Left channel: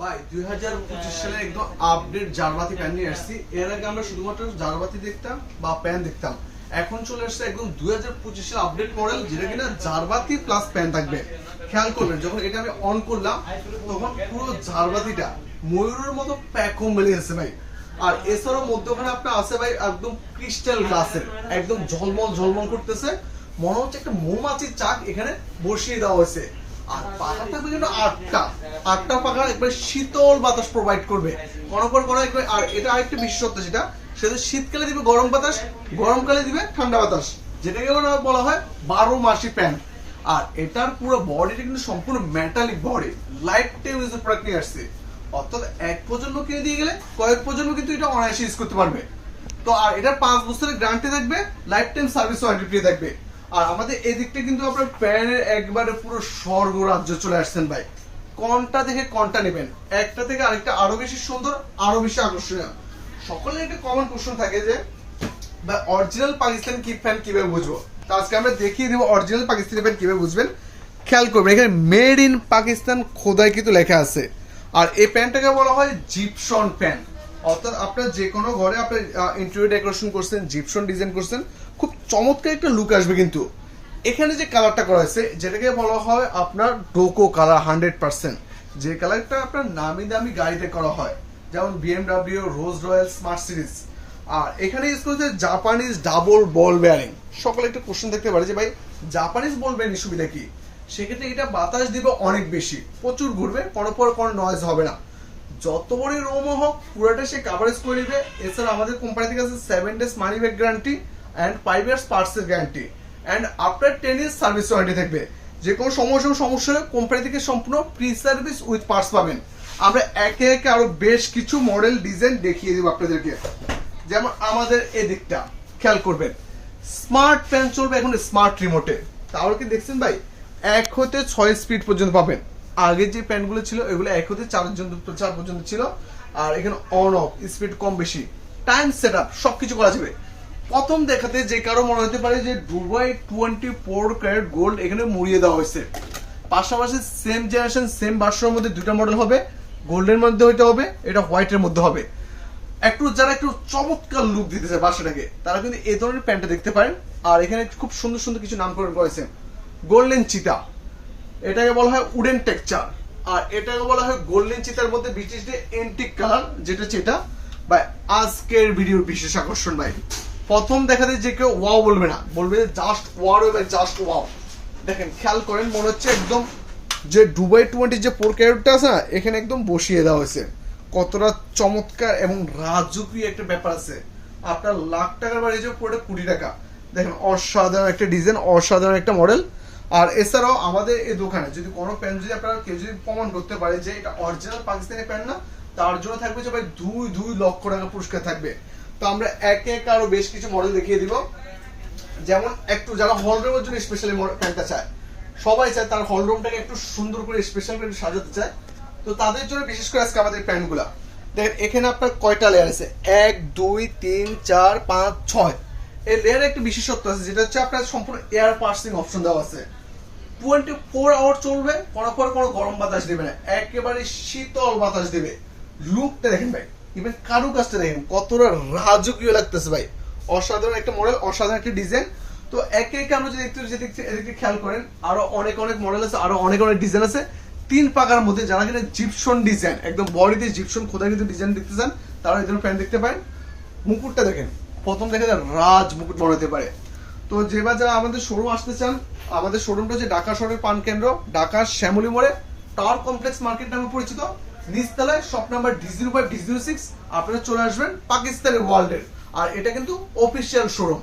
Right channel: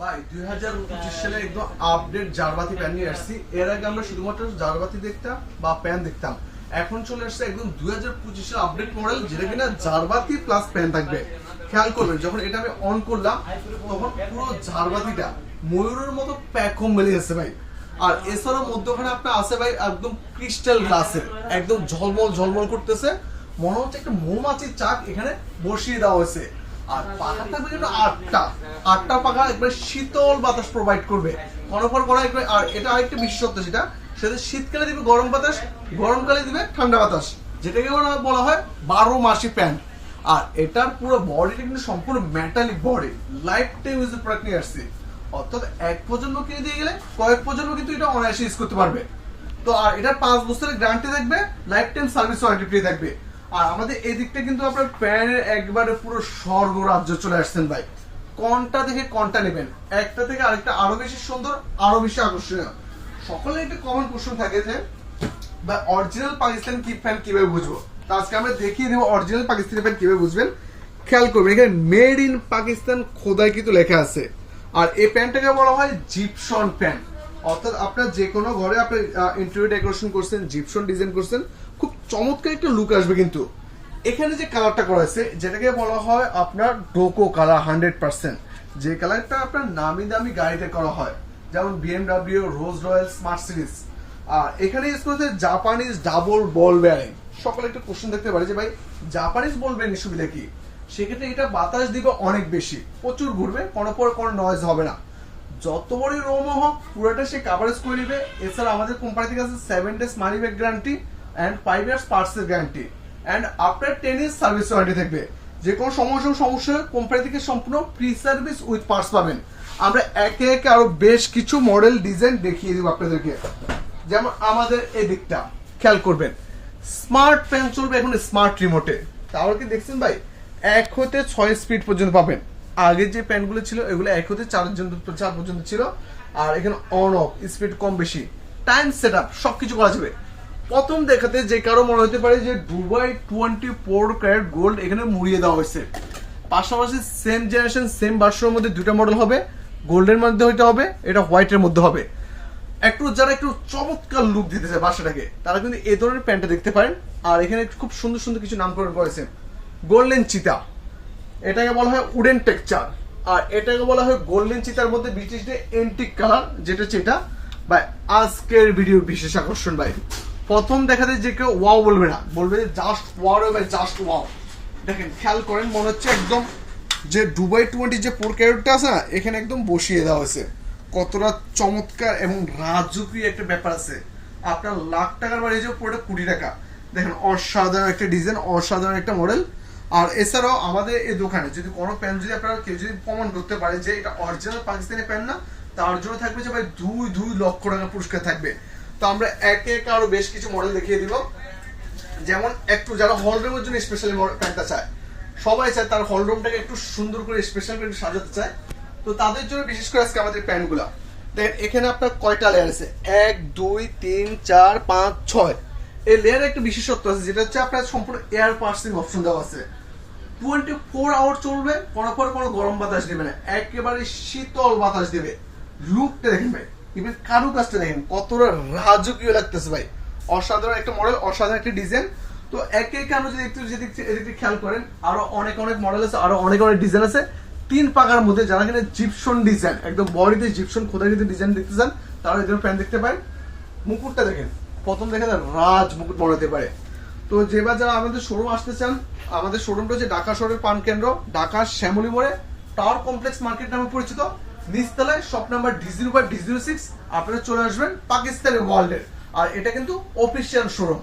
ভাই 2025 সালে একদম আপডেট জারবাতি প্যান নিয়ে আসছি। এর আগে আমরা শুধুমাত্র জারবাতি দেখতাম বা প্যান দেখতাম, এখন চলে আসছে একদম 2025 সালে আপডেট মডেল, যেটা কিনা জারবাতি প্লাস প্যান থাকবে। খেয়াল করবেন, যখন এটা আমি অন করলাম তখন পুরো জারবাতিটা ময়ূরের মতো প্যাকম মিলিয়েছে ভাই। আর এছাড়াও মধ্যখানে আপনার আছে ভাই একদম ক্রিস্টাল গ্লাসের, একদম ঝলমল ঝলমল করতেছে, মনে হচ্ছে একটা মৌমাছির চাক এখানে বসিয়ে দেওয়া হয়েছে। আর পাখা থাকবে কিন্তু আটটা পাখা একবার শীতল বাতাস প্রোভাইড করবে আর এটা আরেকটা বিশেষত্ব, সেটা শীতকালে দিবে গরম বাতাস, গরমকালে দিবে ঠান্ডা বাতাস, যেটাকে বলা হয় 12 মাসি প্যান্ট। আর এটার পুরো বডিটা কিন্তু সম্পূর্ণ মেটালিক বডি, লাইফ টাইম ইউজের প্রোডাক্ট নিয়ে আসছে। অর্থাৎ এক প্রজন্ম কিনে দিয়ে গেলে কয়েক প্রজন্ম কিন্তু এটা অনায়াসে ইউজ করতে পারবে। তো আর এটার 5 বছরের গ্যারান্টি থাকবে, life time service warranty free থাকবে। আর আমাদের এই দিকটা কিন্তু আপনার প্যানের একবারে পুরো স্বর্গ রাজ্য চলে আসছেন ভাই। কোনটা থেকে কোনটা নেবেন, একটা থেকে আরেকটা আরো বেশি সুন্দর, আরো বেশি আকর্ষণীয়। সকলের একটা কমন কোশ্চেন থাকে যে বা অরিজিনাল পাকিস্তানি কি ফ্যান কিভাবে বুঝবো। তো আজকে আমরা দেখিয়ে দেবো অরিজিনাল পাকিস্তানি ফ্যান কিভাবে বুঝবেন। খেয়াল করবেন, এখানে মেড ইন পাকিস্তান খোদাই কিন্তু লেখা আছে। আর এই প্যানটাকে বলা হয় জিপসন প্যান। অর্থাৎ আপনার যে কোনো ঘরে আপনি ইন্টেরিয়র ডেকোরেশন করছেন, জিপসন ডিজাইন করছেন, খুব চমৎকার একটা লুক আসবে। কিন্তু এখানে যে কালারটা করা আছে, যেটাকে বলা হয় আপনার ডোকো কালার 100%, যে কালারটা আপনার নামি দামি গাড়িতে করা হয়, যেমন BMW, Rolls Royce, smart series. আর এখানে ইউজ করেছে জাপানিজ ডাবল বল বেয়ারিং। সকলে একটা কোশ্চেন দেখতে পারে যে ভাই জাপানিজ বল বেয়ারিং সুবিধা কি। সেক্ষেত্রে এটা বাতাস দিবে অনেক বেশি, প্রচুর ঘুরবে, কোনো নয়েজ হবে না। যত বড় রোম হোক পুরোটা সে কাভারেজ করে নিবে। এছাড়া আমাদের কোম্পানি থেকে আছে 7 days money back guarantee and 5 years পার্টসের guarantee and after 10 years service warranty থাকবে। যে কোনো সমস্যা হলে কোম্পানি থেকে সম্পূর্ণ ফ্রি সার্ভিস উইথ পার্টস পাবেন। আমরা একে একে আরো বেশ কিছু মডেল ডিজাইন দেখিয়ে দিব আপনাদেরকে। যেমন আমাদের এই দিকটা খেয়াল করবেন, স্মার্ট ফ্যান চলবে এখন স্মার্ট রিমোটে। তাহলে কি দেখছেন ভাই, 1 হতে 6 স্পিড পর্যন্ত পাবেন। আগে যে প্যানগুলো ছিল এগুলো 1 হতে 4 পর্যন্ত ছিল। আর এখানে অন অফ স্পিড কম বেশি, টাইম সেট আপ সবকিছু করা যাবে। প্রথম দেখাতে যে কারো মনে হতে পারে যে দুবাই 24 ক্যারেট গোল্ড এখানে মুড়িয়ে দেওয়া হয়েছে। পাশাপাশি সেম জেনারেশন সেম ভার্সনের মধ্যে দুটো মডেল হবে, গোল্ডের মধ্যে হইতে হবে, এটা হোয়াইটের মধ্যে হবে। যারা একটু চমৎকার লুক দিতে চায় বাসাটাকে, তারা কিন্তু এই ধরনের প্যান্টটা দেখতে পারেন। আর এখানে খুব সুন্দর সুন্দর কিছু নামকরণ করেছে, গোল্ডেন চিতা, এটাকে বলা হয় উডেন টেক্সচার, আর এটাকে বলা হয় গোল্ডেন চিতার মধ্যে ব্রিটিশদের এন্টিক কালার, যেটা হচ্ছে এটা। ভাই আজকের ভিডিওর বিশেষ আকর্ষণ ভাই, প্রথম দেখাতে যে কেউ ওয়াও বলবে না, বলবে জাস্ট ওয়াও ভাই, জাস্ট ওয়াও। দেখেন খেয়াল করেন, মনে হচ্ছে একদম যে দুবাই 20 যে 4 ক্যারেটটা আছে না, এখানে একদম বসিয়ে দেওয়া হয়েছে। কতটা চমৎকার এবং রাজকীয় একটা ব্যাপার আছে। আপনার লাখ টাকার বাড়ি যে পুরোটা কোটি টাকা। দেখেন অসাধারণ একটা ডিজাইন, অসাধারণ একটা মডেল। আর এছাড়াও আমাদের এই দোকানে যদি কোনো প্যান যদি আপনারা কেউ যদি প্রমাণ করতে পারে যে এটা অরিজিনাল পাকিস্তানি প্যান না, তার জন্য থাকবে যে ভাই 2 লক্ষ টাকা পুরস্কার থাকবে। তো আমরা একে একে আরো বেশ কিছু মডেল দেখিয়ে দিব। যেমন একটু যারা হল রুমের জন্য স্পেশালি প্যান্টটা চায়, সবাই চায় তার হল রুমটাকে একটু সুন্দর করে স্পেশাল করে সাজাতে চায়, তো তাদের জন্য বিশেষ করে আজকে আমাদের প্যান্টগুলা দেখেন। এখানে আপনার কয়টা লেয়ার আছে, 1 2 3 4 5 6। এই লেয়ারে একটা বিশেষত্ব আছে, যেটা হচ্ছে আপনার সম্পূর্ণ এয়ার পার্সিং অপশন দেওয়া আছে। 24 আওয়ার চলবে, কোনো গরম বাতাস দেবে না, একেবারে শীতল বাতাস দেবে। লুকটা দেখেন ভাই, ইভেন কারুকাজটা দেখেন কতটা রাজকীয় লাগতেছে ভাই। অসাধারণ একটা মডেল, অসাধারণ একটা ডিজাইন। তো একে একে আমরা যদি এদিকে খেয়াল করেন, আরো অনেক মডেল আছে, আরো অনেক ডিজাইন আছে। 3 পাকার মধ্যে যারা কিনা জিপসন ডিজাইন, একদম বডিতে জিপসন খোদা কিন্তু ডিজাইন দেখতে চান, তারা এই ধরনের প্যান্ট দেখতে পারেন। মুকুটটা দেখেন, প্রথম দেখে রাজ মুকুট মনে হতে পারে। তো যেবার যারা আমাদের শোরুম আসতে চান, আমাদের শোরুমটা হচ্ছে ঢাকা শহরের পান কেন্দ্র, ঢাকার শ্যামলী মোড়ে টাওয়ার কমপ্লেক্স মার্কেট নামে পরিচিত, নিচতলায় শপ নাম্বার D05 D06। আপনারা চলে আসবেন পাকিস্তানি ওয়ার্ল্ডের। আর এটা কিন্তু অফিসিয়াল শোরুম।